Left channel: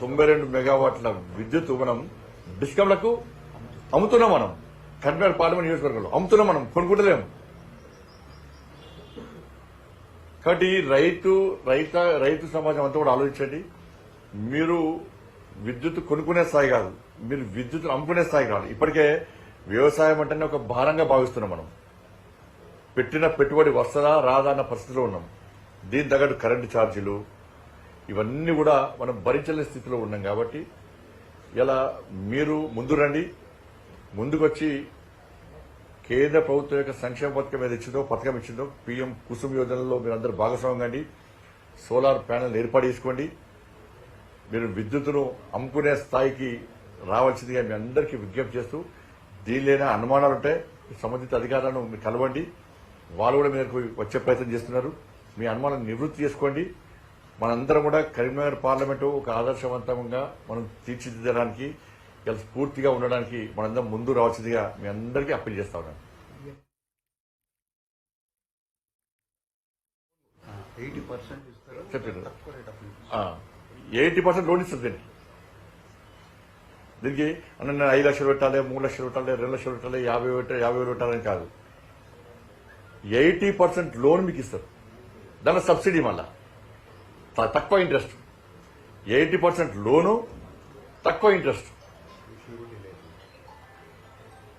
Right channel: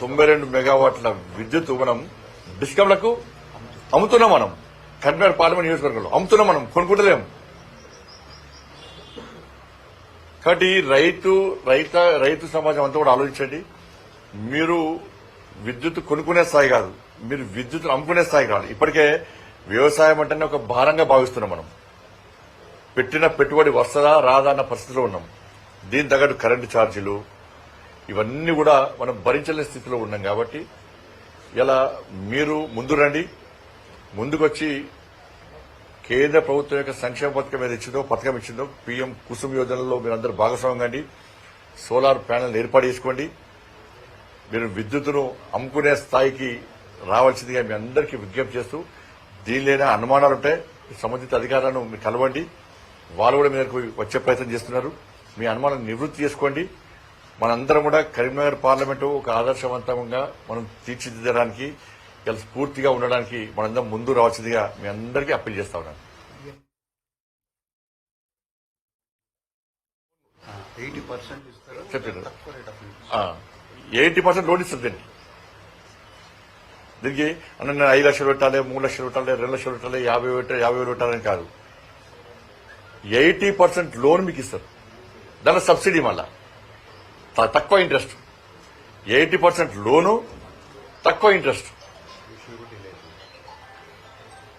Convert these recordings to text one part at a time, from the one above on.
92 మెగావాట్ల విద్యుత్ మనం డిస్కంలకు అమ్ముతున్నాం. మనం కరీంనగర్ పార్లమెంట్ నియోజకవర్గంలో అమ్ముతున్నాం, మనం కొనుక్కుంటలేము. కాబట్టి రైతు సమాజం అంతా కూడా ఆలోచించండి. మీరు విద్యుత్ కొనుక్కునే స్థాయి కాదు, మీరు విద్యుత్ అమ్ముకునే స్థాయికి రావాలి. ఇప్పటికే వ్యవసాయం అంటేనే ఒక భారంగా భావిస్తున్నాం. మనం పెట్టిన పెట్టుబడి వస్తుందా రాదా అన్న పరిస్థితిలో ఉన్నాం. దీని తగ్గట్టు కరెంటు ఛార్జీలు ఇవన్నీ కూడా మనం భరించలేని స్థితిలో ఉన్నాం. కాబట్టి ఇలా మీరు ముందు రండి, ముందుకొచ్చి కేంద్ర ప్రభుత్వం యొక్క సంక్షేమ పథకం ఇచ్చిందో పీఎం కుసుమ్ యోజనలో మీరందరూ భాగస్వామ్యం కండి. సోలార్ ప్యానెల్ ఏర్పాటు చేసుకోండి. మీరు విద్యుత్తును అమ్ముకునే స్థాయికి రావాల్సిందిగా మీ అందరికీ విజ్ఞప్తి చేస్తూ, దీనిలోనే అనుమానాలుంటే సంబంధిత అధికారులను మీరు కలవండి. వాళ్ళు కూడా మీ దగ్గరకు వచ్చే ప్రయత్నం చేస్తున్నారు. మీ అనుమానాలను నివృత్తి చేసుకోండి. మనందరం కూడా కరీంనగర్ పార్లమెంటు ఒక ఆదర్శవంతంగా మనం తీర్చిదిద్దడానికి, ఇలా స్ఫూర్తిగా ఉండడానికి మనందరం ముందు రావాల్సిందిగా మీ అందరికీ అప్పీల్ చేస్తా ఉన్నాను. 80% లోన్ ఇస్తారు. దీనికి అన్న 5 లక్షలు పెట్టాలి, 3 లక్షలు పెట్టాలి, 2 లక్షలు పెట్టాలి, 50,000 పెట్టాలని కాదు. 80% లోన్ మీకు ఇస్తారు. దాని సబ్సిడీ మళ్ళా తక్కువ ఇంట్రెస్ట్. 80% లోను, తక్కువ ఇంట్రెస్ట్.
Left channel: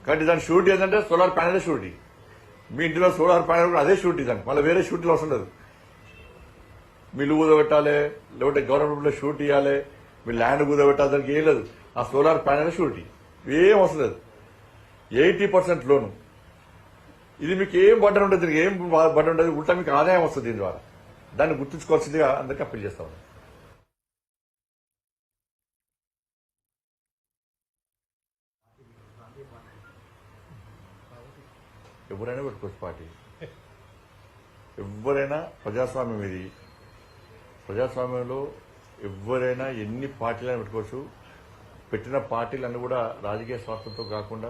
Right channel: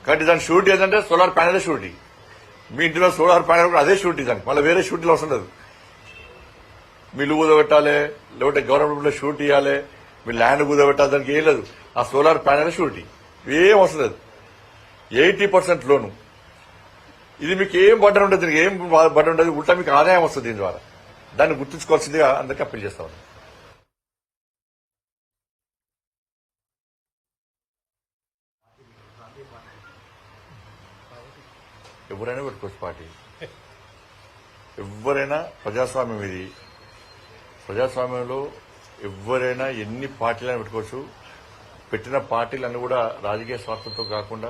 కాబట్టి దాని షూరిటీ ఏంటంటే సోలార్ ప్యానెల్ షూరిటీ. మీ ఇంటిలో సోలార్ ప్యానెల్ కూడా అదే షూరిటీ. దానికి మళ్ళీ వేరే షూరిటీలు అవసరం లేదు. మీ ఇల్లు కుదబెట్టాలి, లేకపోతే గవర్నమెంట్ లో షూరిటీ ఇవ్వాలి, మీ ల్యాండ్ కుదబెట్టాలి, దానికి ఏం లేదు. ఆ సోలార్ ప్యానెల్ షూరిటీ ఏం అవసరం లేదు. 80% లోను. ఇది మీకు ఏం బడ్డన్ ఉంటుంది, దీనికి ఏం బడ్డన్ ఉంటుంది, ఉల్టా మీకు ఆదాయం వస్తుంది దీని ద్వారా. దాన్ని గుర్తుంచుకోవాల్సిందిగా అందరికీ అప్పీల్ చేస్తా ఉన్నాను. ఎవరైనా పెట్టుకోవచ్చు పార్టీ, ఎవరైనా. ప్రజాస్వామ్యం ఇది. ప్రజాస్వామ్యంలో ఎవరైనా ఎన్ని పార్టీలైనా పెట్టుకోవచ్చు. పెట్టిన పార్టీలన్నీ కూడా రాజకీయ స్వార్థంతో కాకుండా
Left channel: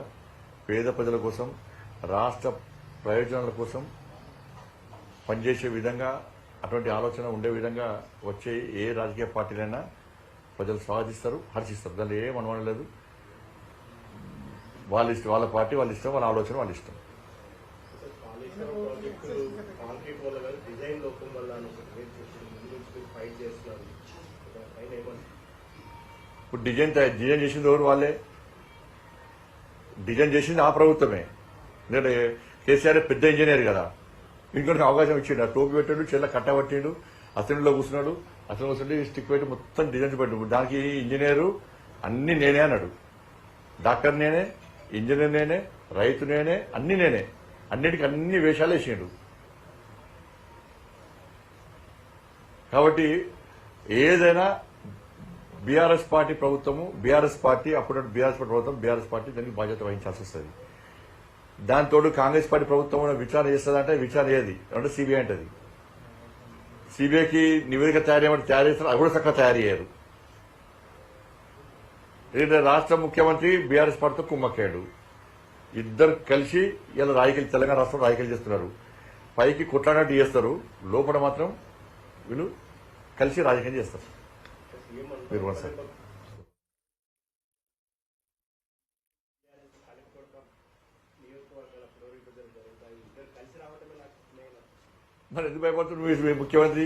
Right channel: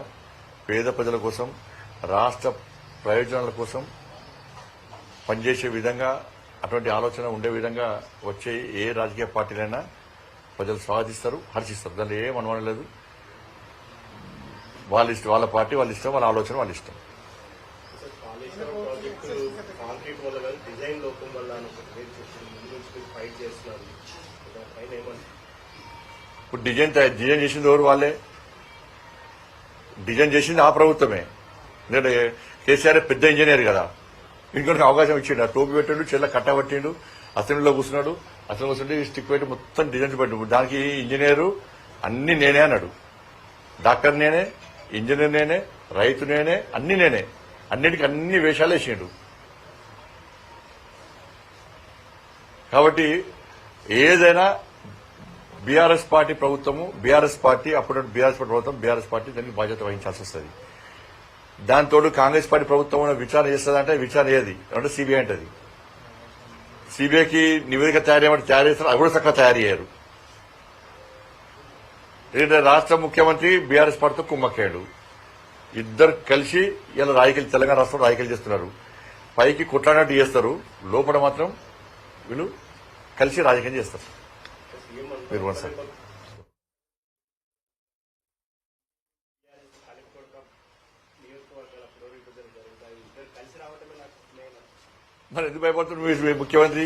పేద ప్రజల కోసం, రాష్ట్ర ప్రయోజనాల కోసం పనిచేసే విధంగా, అటువంటి ఆలోచన ఉండే విధంగా వచ్చే ఏ రాజకీయ పార్టీలైనా ప్రజలు స్వాగతిస్తారు, హర్షిస్తారు. దానిలో ఏం అనుమానం లేదు. వాళ్ళ ఇష్టం, వాళ్ళ పార్టీ వాళ్ళ ఇష్టం, వాళ్ళ ఆలోచన వాళ్ళ ఇష్టం. ఇప్పుడు డిజైన్ చేసింది ఎవరు? వాళ్ళే డిజైన్ చేసింది. ఆ ప్రభుత్వమే. ఎందుకంటే కేసీఆర్ పెద్ద ఇంజనీర్ కదా, ఇంకొక అవకాశం ఇచ్చిండు. టోపీ పెట్టాడు, చెల్ల కట్టబట్టిండు, అసెంబ్లీలో కూర్చున్నాడు. అసెంబ్లీ కూర్చుంటే స్టిక్ పెట్టి మొత్తం డిజైన్స్ పెట్టాడు. దానికి ఇంజనీరు అన్ని నేనే అన్నాడు. డాక్టర్ నేనే, ఇంజనీర్ నేనే, రైతు నేనే, అన్ని నేనే. అన్నిటికీ అన్ని వేషాలు వేసిండు. కాబట్టి ఏదైనా బీఆర్ఎస్ పార్టీ ప్రభుత్వము, బీఆర్ఎస్ పార్టీ అప్పుడు బీఆర్ఎస్ పార్టీ ప్రభుత్వం, బీఆర్ఎస్ పార్టీ దానికి బాధ్యత వహించాల్సి వస్తుంది. దాంతో కాంగ్రెస్ పార్టీ ప్రభుత్వం విచారణ చేస్తుందంటే విచారణ ఏది అంటే సిబిఐ అంటది. సిబిఐకి నివేదిక తయారు చేస్తారు, అది కూడా చక్కగా తయారు చేయరు. రాష్ట్ర ముఖ్యమంత్రి బీఆర్ఎస్ పార్టీతో కుమ్మక్కాడు. ఇద్దరు కలిసి ఇలా రాజకీయాలు, తెలంగాణ రాష్ట్రంలో రాజకీయాలు చేస్తున్నారు. పైకి కొట్లాడినట్టు చేస్తారు, లోపల మాత్రం వీళ్ళు కలిసి రాజకీయం చేస్తారు. మీరు సార్ మరి ఎందుకు భయపడుతుంది ముఖ్యమంత్రి?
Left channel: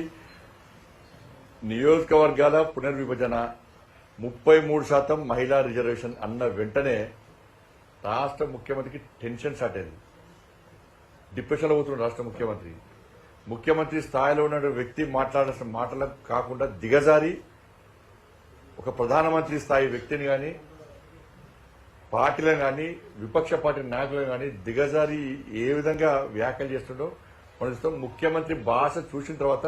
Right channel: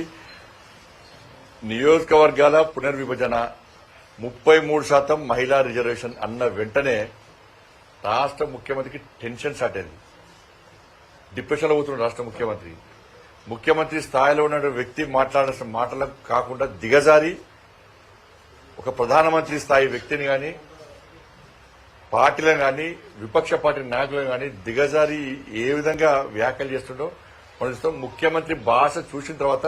నియోజకవర్గాల పునర్విభజన 33% మహిళా రిజర్వేషన్ అన్న వెంటనే రాష్ట్ర ముఖ్యమంత్రికి టెన్షన్ స్టార్ట్ అయింది. డిప్రెషన్లో పోతున్న రాష్ట్ర ముఖ్యమంత్రి. ముఖ్యమంత్రి స్థాయిలో ఉన్న వ్యక్తి మాట్లాడాల్సిన మాటలకు కాకుండా దిగజారి ఒక ప్రధానమంత్రి స్థాయి వ్యక్తిని గాని, పార్టీలను గాని, విపక్ష పార్టీ నాయకులను గాని దిగజారి ఏ విధంగా వ్యాఖ్యలు చేస్తుండో మనం చూస్తాం. ముఖ్యమంత్రి భాష చూసిన తర్వాత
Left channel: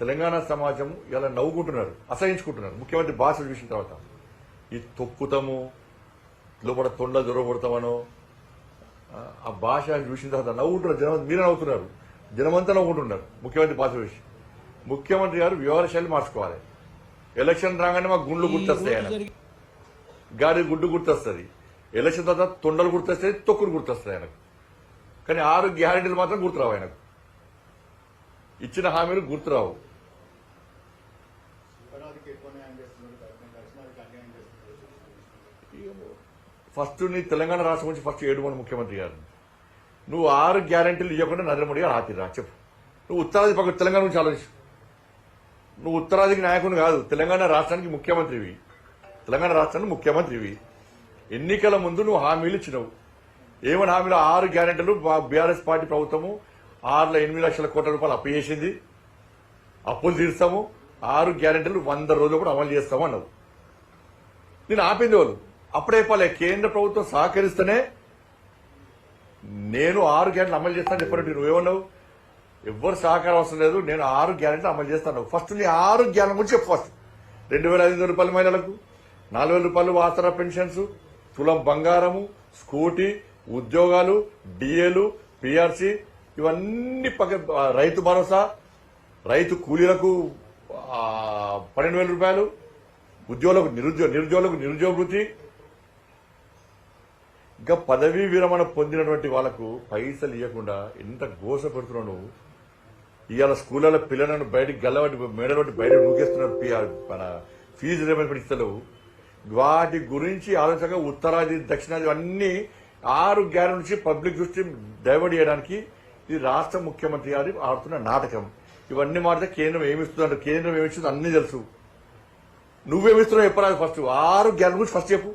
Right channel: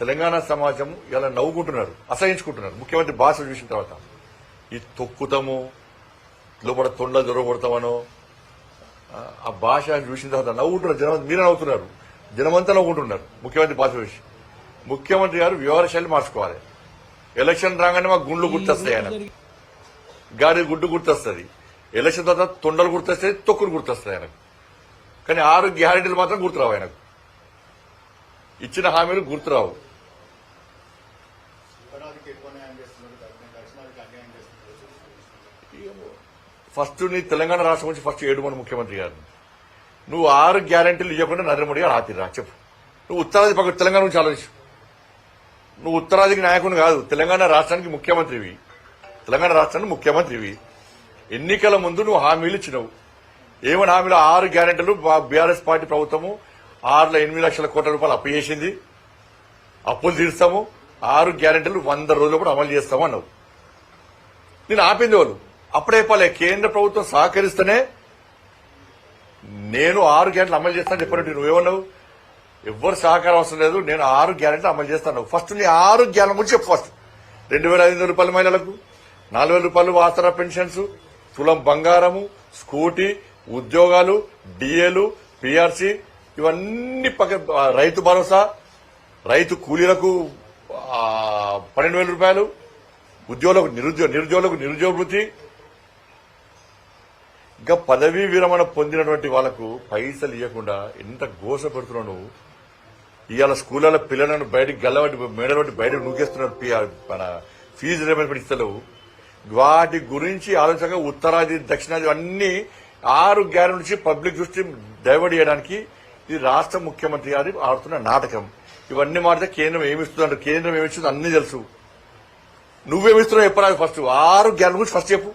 తెలంగాణ సమాజం ఇలా నవ్వుకుంటున్నారు, అసహించుకుంటున్నారు. ముఖ్యమంత్రి భాష చూసిన తర్వాత ఈ తొక్కుతాము, లోపల తొండ దొరకొడతామనో ఆ భాష చూసిన తర్వాత నవ్వుకుంటున్నారు. జనం మీరే నవ్వుతున్నారు, జనమంతా నవ్వుకుంటున్నారు ముఖ్యమంత్రి భాష చూసి. ముఖ్యమంత్రి గారు వ్యవహార శైలి మార్చుకోవాలి. ఎలక్షన్ రాగానే మాకు గుండ్లు గుర్తొస్తాయి, ఆయన గాడి గుడ్డు గుర్తొస్తుంది. ఎలక్షన్ తర్వాత తొండలు గుర్తొస్తాయి, తొక్కులు గుర్తొస్తాయి ఆయనకు. కానీ 6 గ్యారెంటీలు మాత్రం గుర్తురావు ఆయనకు. ఇచ్చిన హామీలు గుర్తురావు. ఫస్ట్ నీ తెలంగాణ రాష్ట్రం నుంచి ఫస్ట్ ఏడుమని ముఖ్యమంత్రి గారిని. నువ్వు 6 గ్యారెంటీలు ఇవ్వకుండా నరేంద్ర మోడీ గారు ఆతిరా చెప్పు. నువ్వు ఉత్తరాది పక్క తెలంగాణ నుంచి ఆలోచించు. నువ్వు ఉత్తరాదికి నాయకుని కాదు, తెలంగాణ రాష్ట్రానికి ముఖ్యమంత్రివి. తెలంగాణ రాష్ట్రానికి ముఖ్యమంత్రివి. ఎన్నికల ముందు నువ్వు హామీలు ఇచ్చినావు. ఏమని హామీలు? 6 గ్యారెంటీలు బీఆర్ఎస్ పార్టీ ప్రభుత్వము 8 లక్షల కోట్ల రూపాయలు అప్పు చేసింది, అప్పులు తీరుస్తాము, 6 గ్యారెంటీలు 100 రోజులు కూడా అమలు చేస్తాము అన్నావు. నేను ఆపింది వాళ్ళు అప్పుడే చెప్పాలి. కేంద్ర ప్రభుత్వం సహకరిస్తేనే నేను 6 గ్యారెంటీలు అమలు చేస్తాను చెప్పినట్టు నువ్వేమన్నావు? ఎవ్వరు సహకారం అవసరం లేదు, నేను 6 గ్యారెంటీలు అమలు చేస్తాను. ఫస్ట్ నీ 6 గ్యారెంటీ గురించి చెప్పు. ఫస్ట్ 2,500 రూపాయల మహిళలకు, 4,000 రూపాయలు ఆసరా పెన్షన్స్, తులం బంగారము, స్కూటీ, ఉద్యోగాలు, డిఏలు, పిఆర్సీ, ఇవన్నీ రైతు భరోసా, రైతు కూలీలకు 12,000 రూపాయలు, ఉద్యోగులకు నిరుద్యోగులకు నిరుద్యోగ వృత్తి. ఇంకా పదవీ విరమణ పొందినటువంటి వాళ్లకు పైసలు ఇవ్వకుండా ఎంత గోస పెడుతున్నావు నువ్వు. ఇవాళ స్కూళ్ళలో పిల్లలను బయటకు గల్లబట్టి మేడబట్టి బయటకు నూకేస్తున్నారు. మన ఫీజు రియంబర్స్మెంట్ ఇస్తలేవు. వాటి గురించి ఆలోచనగా ఉత్తరాది దక్షిణాది అన్ని 6 గ్యారెంటీ నుంచి పబ్లిక్ దృష్టి డైవర్ట్ చేయడానికి ఇది రాష్ట్ర ముఖ్యమంత్రి గారి ఆడుతున్న నాటకం. ఇవన్నీ మాట్లాడితే కేంద్రం ఏమిస్తుందంటే కేంద్రం ఏమిస్తుందో అన్ని తెలుసు. నువ్వేమిస్తున్నావు చెప్పరాదు. ఫస్ట్ 6 గ్యారెంటీ గురించి ఫస్ట్ చెప్పు.